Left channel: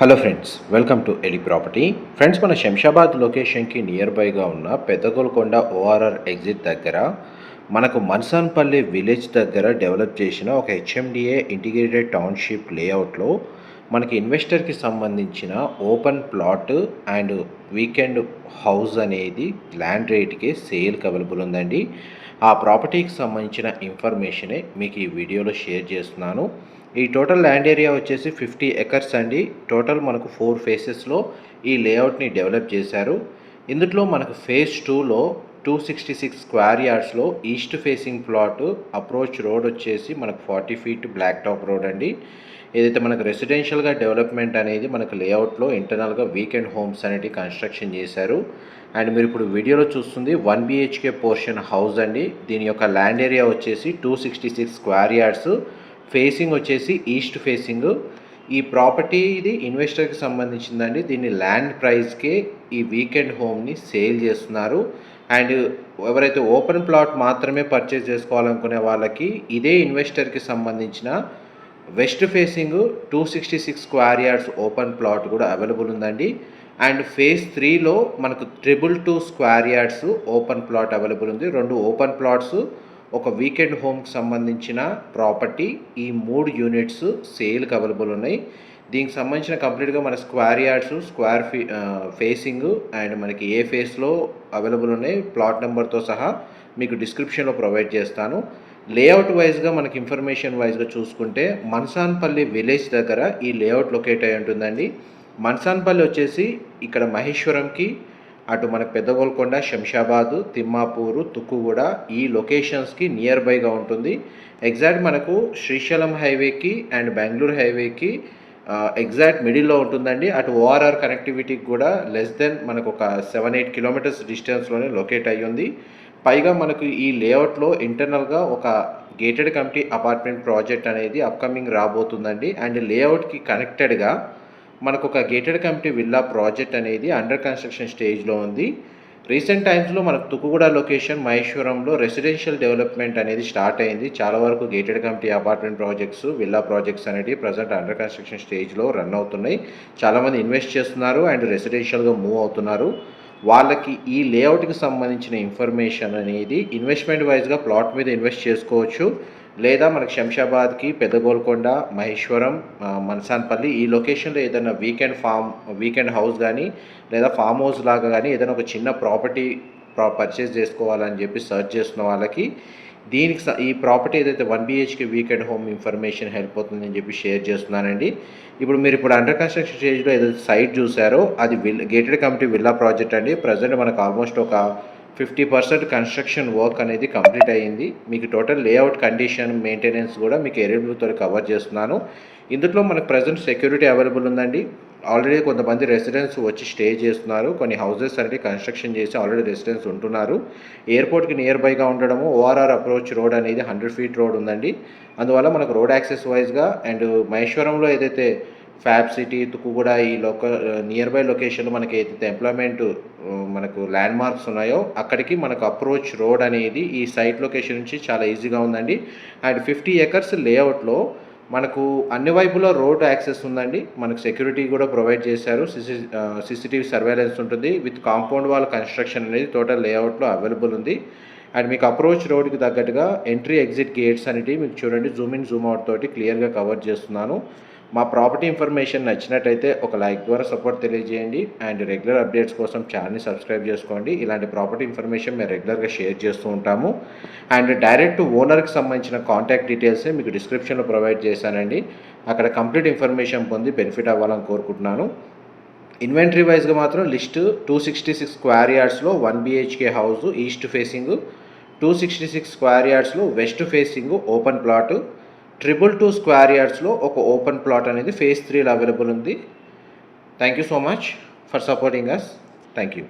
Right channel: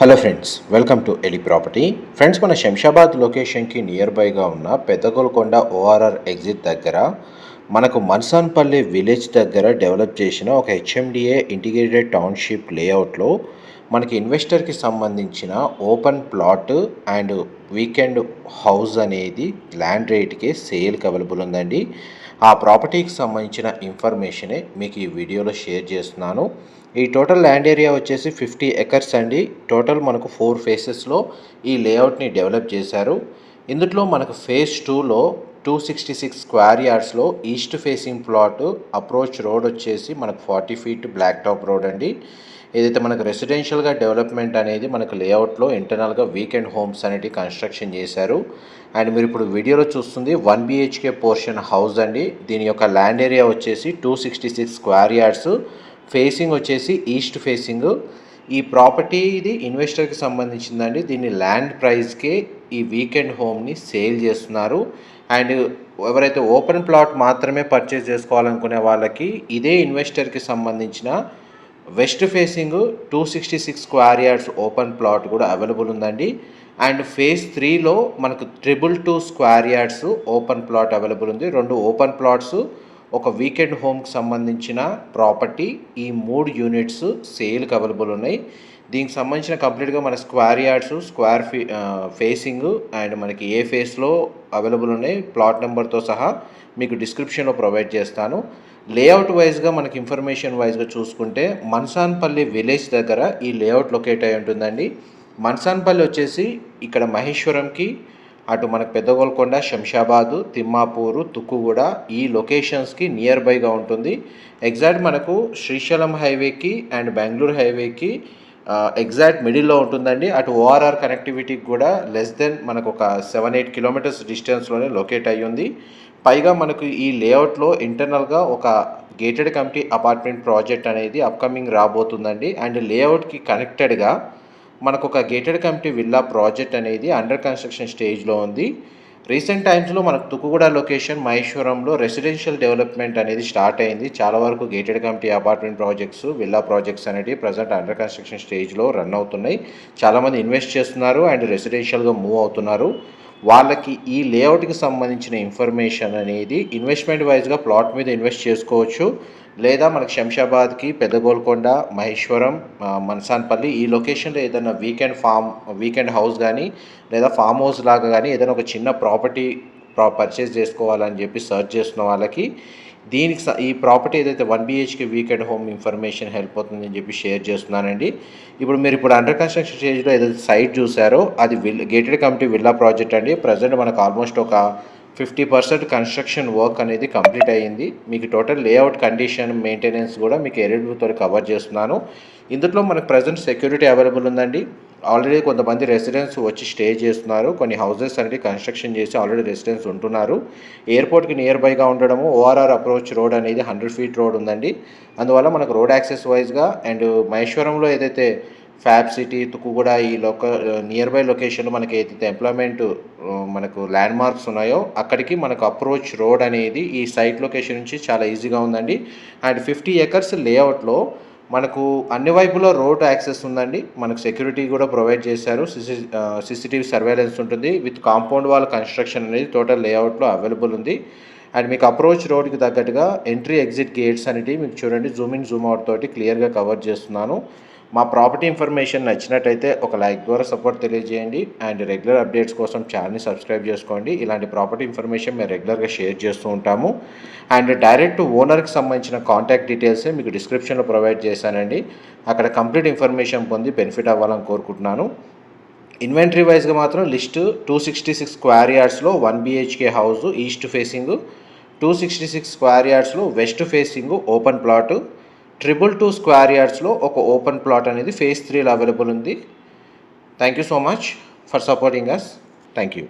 Hello friends, welcome to ఎలి property. Friends, మన శంషాబాద్ లొకేషన్కి నియర్ బైగా ఉన్న పెద్దగోల్కొండ ఓఆర్ఆర్ ఎగ్జిట్ దగ్గర మనకు మన్సాన్పల్లి విలేజ్ దగ్గర డెవలప్ చేసిన ఒక హెచ్ఎండిఏ ఇంటిగ్రేటెడ్ టౌన్షిప్ లేఅవుట్లో మనకి ఇన్వెస్టర్కి సంబంధించిన open plot and weekend house అనేది ల్యాండ్ రేట్కి సేల్కి అవైలబుల్ ఉందండి. ఆ ప్రాపర్టీకి సంబంధించిన ఇన్ఫర్మేషనే మీకు ఈ వీడియోలో షేర్ చేస్తున్నాను. ఈ టోటల్ ల్యాండ్ ఏరియా వచ్చేసి 50 ఎకర్స్ అండి. టోటల్ మనకు 4 ఫేసెస్లో ఈ లేఅవుట్ని డెవలప్ చేశారు. ఇందులో మనకు ఫేజ్ 2లో 266 స్క్వేర్ యార్డ్స్లో east facing plot, approach road వచ్చేసి మనకు 40 ఫీట్ బ్లాక్ టాప్ రోడ్ అండి. ఏదైతే మనకు రెసిడెన్షియల్గా డెవలప్మెంట్ అనేది మనకు లేఅవుట్లో ఇంటర్నల్గా వీకెండ్ హోమ్స్ అనేవి కన్స్ట్రక్షన్ చేశారు. అండ్ మీరు ఇప్పుడు వీడియోలో చూస్తుంది 1 BHK పోర్షన్ హౌస్ అండి. దీని యొక్క ల్యాండ్ ఏరియా వచ్చేసి 266 స్క్వేర్ యార్డ్స్, ఫేసింగ్ వచ్చేసి ఈస్ట్ ఫేసింగ్. ఈ ప్రాపర్టీ ఇది ఇన్వెస్టర్కి సంబంధించిందండి. దీన్ని ల్యాండ్ ప్రైస్కే ఈ వీకెండ్ హోమ్ని సేల్ చేస్తున్నారు. అండ్ ఎవరైతే ఓపెన్ ప్లాట్ మాత్రమే పర్చేస్ చేసుకోవాలనుకునే వాళ్ళకి ఇదే ఇన్వెస్టర్కి సంబంధించిన west facing 266 square yards open plot కూడా అవైలబుల్ ఉందండి. అండ్ ఫేజ్ 3లో మనకు 222 square yards open plot available ఉంది. 2 ఓపెన్ ప్లాట్స్, ఒక వీకెండ్ హోమ్కి సంబంధించిన ప్రాపర్టీ, ఈ 3 యూనిట్స్ సేల్కి అవైలబుల్ ఉన్నాయి. దీనికి సంబంధించిన కంప్లీట్గా మన స్క్వేర్ యార్డ్స్, ఫేసింగ్ అండ్ మనకి ఏ ఫేస్లో అవైలబుల్ ఉన్నాయి ప్లాట్ నెంబర్తో సహా మీకు డిస్క్రిప్షన్లో ప్రొవైడ్ చేస్తాను. లేఅవుట్ వైజ్గా మనకి ఇన్ఫర్మేషన్ వైజ్గా చూసుకుంటే మన్సాన్పల్లి విలేజ్ దగ్గర ఈ లేఅవుట్ లొకేట్ అయి ఉంటుందండి. మన్సాన్పల్లి వచ్చేసి ఇక్కడ మహేశ్వరంకి, అటు మనకు పెద్దగోల్కొండ, శంషాబాదు, తిమ్మాపూరు, తుక్కుగూడ ఈ లొకేషన్స్కి నియర్ బైగా ఉంటుంది. ఎగ్జాక్ట్ మనకు శ్రీశైలం హైవేకి అండ్ బెంగళూరు హైవేకి ఎగ్జాక్ట్ మిడిల్లో ఉంటుందండి. అటు ఓఆర్ఆర్ కనెక్టివిటీకి కూడా లెస్ దెన్ మనకు ఒక 7-8 కిలోమీటర్స్ డిస్టెన్స్లోనే లొకేట్ అయ్యి ఉంది. పైగా మనకు ఈ లేఅవుట్లో ఇంటర్నల్గా ఒక గేటెడ్ కమ్యూనిటీ అపార్ట్మెంట్ ప్రాజెక్ట్ అనేది అప్కమింగ్ రాబోతుందండి. అండ్ లేఅవుట్కి కనెక్టెడ్గా మనకు ఒక గేటెడ్ కమ్యూనిటీ విల్లా ప్రాజెక్ట్ అనేది అండర్ కన్స్ట్రక్షన్ స్టేజ్లో ఉంది. రీసెంట్ టైమ్స్లో మనకు తుక్కుగూడ లొకేషన్ మహేశ్వరంలో రెసిడెన్షియల్ డెవలప్మెంట్ అనేది స్టార్ట్ అయింది. చాలా వరకు gated community apartment projects, villa projects అనేవి ప్రజెంట్ అండర్ కన్స్ట్రక్షన్ స్టేజ్లో రన్ అవుతున్నాయి. చాలామంది ఇన్వెస్ట్ చేస్తున్నారు అండ్ రెసిడెన్షియల్గా మూవ్ అవుతున్నారు. వాళ్ళకి ఈ లేఅవుట్కి సంబంధించిన ఇన్ఫర్మేషన్ అనేది ఇన్వెస్ట్మెంట్ వైజ్గా ప్లాట్ మీద ఇన్వెస్ట్ చేసుకోవచ్చు, లేదా మనకి శంషాబాద్కి, పెద్దగోల్కొండ, మహేశ్వరం, మన్సాన్పల్లి ఈ లొకేషన్లో ఏదైనా వీకెండ్ హౌస్ కానీ లేదా ఫామ్ హౌస్ లాగా కానీ ఏదైనా ఒక చిన్న ప్రాపర్టీ పర్చేస్ చేసుకోవాలని చెప్పి సర్చ్ చేస్తున్న వాళ్ళకి దీనికి ఈ ప్రాపర్టీ ఏదైతే 1 BHK weekend home information help అవుతుందని చెప్పి షేర్ చేస్తున్నానండి. ఇప్పుడు అండర్ కన్స్ట్రక్షన్ స్టేజ్లో ఏదైతే సైట్ చూసారో అది గేటెడ్ కమ్యూనిటీ విల్లా ప్రాజెక్ట్ అండి. ప్రజెంట్ మనకు ఆల్మోస్ట్ ఒక 50% కన్స్ట్రక్షన్ వర్క్ అనేది కంప్లీట్ అయ్యింది. మీకు టోటల్ లేఅవుట్ కండిషన్, మెయింటెనెన్స్ కూడా మీకు ఎరివ్యూతో కవర్ చేస్తున్నాను. ఇందులో మనకు ప్రజెంట్ సెక్యూరిటీ అవైలబుల్ ఉందండి. ఆల్రెడీ కొంతమంది రెసిడెంట్స్ వచ్చి స్టే చేస్తున్నారు. కొన్ని హౌసెస్ అనేది కన్స్ట్రక్షన్ చేసి ఆల్రెడీ రెసిడెంట్స్ ఉంటున్నారు. ఎయిర్పోర్ట్కి నియర్ బైగా ఉండడము, ఓఆర్ఆర్ అప్రోచ్ రోడ్ అనేది 100 ఫీట్ రోడ్ ఉందండి. అందువల్ల మనకు రోడ్ యాక్సెస్ వైజ్గా అండ్ మహేశ్వరంలో ఏదైతే ఫ్యాబ్ సిటీ, తుక్కుగూడ ఈ నియర్ బై లొకేషన్లో మనకి ఏదైతే ఎంప్లాయ్మెంట్ మనకు ల్యాండ్ మార్క్స్ ఉన్నాయో అక్కడికి మనకు అప్రోచ్ రోడ్ అనేది ఈ సైట్ లొకేషన్ నుంచి చాలా ఈజీగా ఉందండి. అండ్ 50 ఎకర్స్ లేఅవుట్లో మనకు అన్ని వైపులో రోడ్ యాక్సెస్ ఉందండి. మనకు సెక్యూరిటీ కూడా ప్రొవైడ్ చేశారు. CCTV సర్వేలెన్స్ ఉంటుంది. విత్ కాంపౌండ్ వాల్ కన్స్ట్రక్షన్ అనేది టోటల్ లేఅవుట్లో అవైలబుల్ ఉంది. అండ్ మీకు అప్రోచ్ రోడ్కి తగ్గట్టుగా ఎంట్రీ ఎగ్జిట్ గేట్స్ అనేవి మీకు చూడండి జూమ్ ఇన్ జూమ్ అవుట్ తోటి క్లియర్గా కవర్ చేస్తున్నాను. మా ప్రాపర్టీ ఇన్ఫర్మేషన్ నచ్చినట్టయితే ఒక లైక్ ద్వారా సపోర్ట్ తెలియజేయండి. అండ్ రెగ్యులర్ అప్డేట్స్ కోసం ఛానల్ని సబ్స్క్రైబ్ చేసుకోండి. ఇలాంటి ప్రాపర్టీ ఇన్ఫర్మేషన్ మేము రెగ్యులర్గా షేర్ చేస్తూ ఉంటాము. అండ్ డైరెక్ట్ ఓనర్కి సంబంధించిన కాంటాక్ట్ డీటెయిల్స్ మీకు డిస్క్రిప్షన్లో ప్రొవైడ్ చేశానండి. అక్కడ కంప్లీట్ ఇన్ఫర్మేషన్ పొంది బెనిఫిట్ అవ్వాలని కోరుకుంటున్నాను. ఇన్వెంటరీ వైజ్గా మాత్రం లిస్ట్ 266 స్క్వేర్ యార్డ్స్లో 1 BHK house east facing, 266 square యార్డ్స్లో west facing open plot, 222 square యార్డ్స్లో ఒక ఓపెన్ ప్లాట్ అనేది ఫేజ్ 3లో అవైలబుల్ ఉంది. Thank you so much for supporting us. Thank you.